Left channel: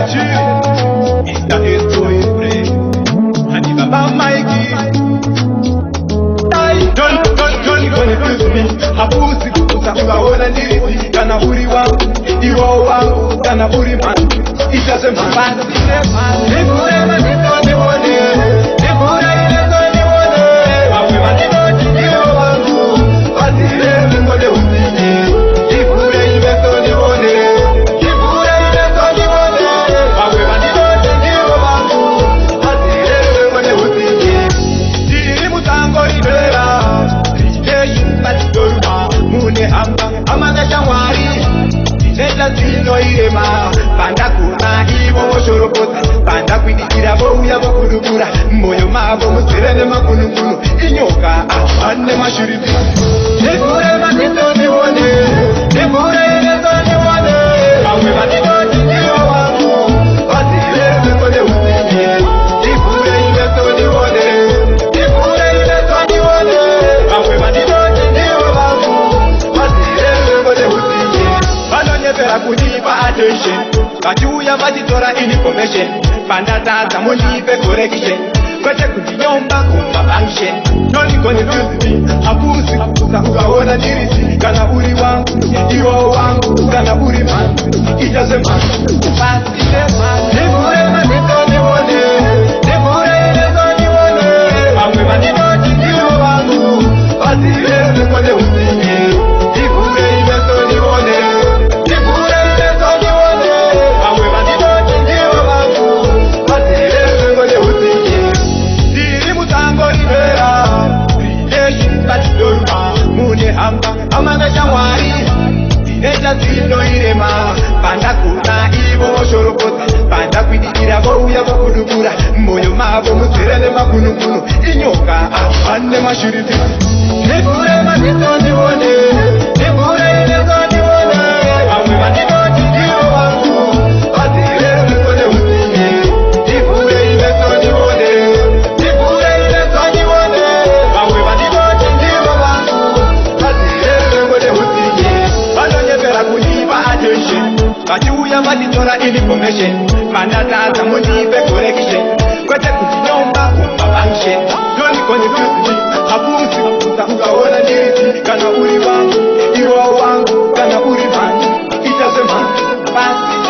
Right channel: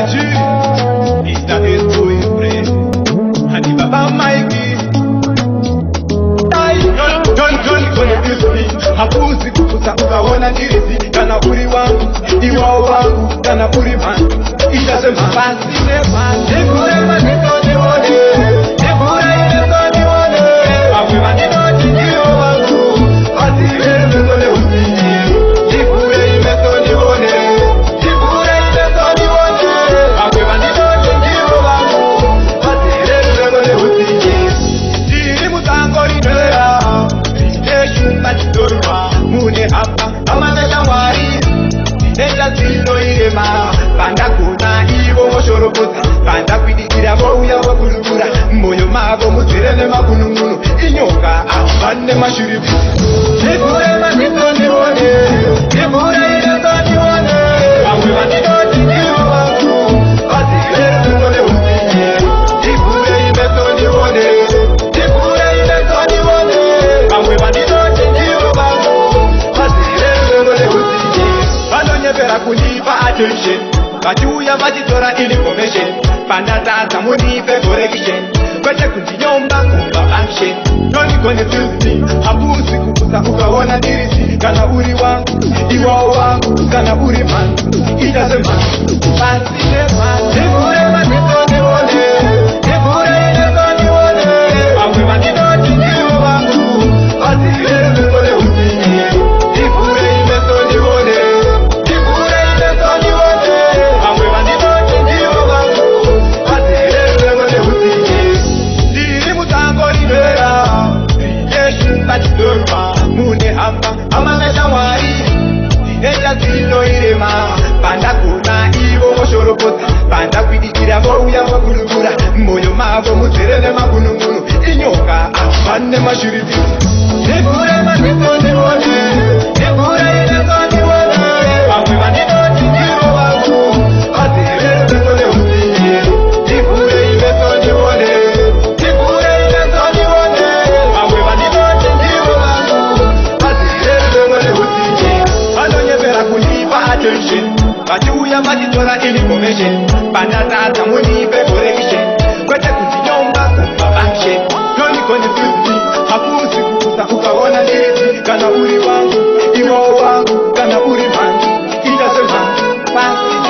Chile, ita estoy free. Hani baba Mikey, tai, Johnny kone pisini, hapusi kukusa ukaona ndiriti, kana uri wangu, iwao wangu, kana uri man, ita sema basi nepa, nifure manito niwone, nifure ineso niwone, awe manito chijiro wangu, asire mengole usinye, nifure ineso niwone, mune hamba amana changwari neta zino irema panda kuna ivo moshorobota panda kwidikira vo uya vo kudukura moyo mavo muzirene makununguno inyoka asane mashuribi nifure manito niwone nifure ineso niwone awe manito chijiro vangu asire mengole usinye nifure ineso niwone nifure ineso niwone awe manito chijiro vangu vanonyepera kundipa attention vachiuya vachitora information pandatadza mundipe correction kwete kundinyomba kumafunction nonikonefusiti hakusi kukusa ukaona ndirisi kana uri wangu iwao wangu kana uri man ichazema basi nepa nifure manito niwone nifure ineso niwone amwe manito chijiro vangu vasire mengole usinye nifure imeso niwone nifure imeso niwone amwe manito chijiro vangu vasire mengole usinye diri mutango rinera rijeshu kachidorma mune hamba amana changwari neta zino irema panda kuna ivo moshorobota panda kwidikira vo uya vo kudukura moyo mavo muzirene makununguno inyoka asane mashuribi nifure manito niwone nifure ineso niwone amwe manito chijiro vangu asire mengole usinye nifure ineso niwone nifure ineso niwone amwe manito chijiro vangu asire mengole usinye vanonyepera kundipa attention vachiuya vachitora information pandatadza mundipe correction kwete kundinyomba kumafunction nonikonefusiti hakusi kukusa ukaona ndirisi kana uri wangu iwao wangu kana uri man ichazema basi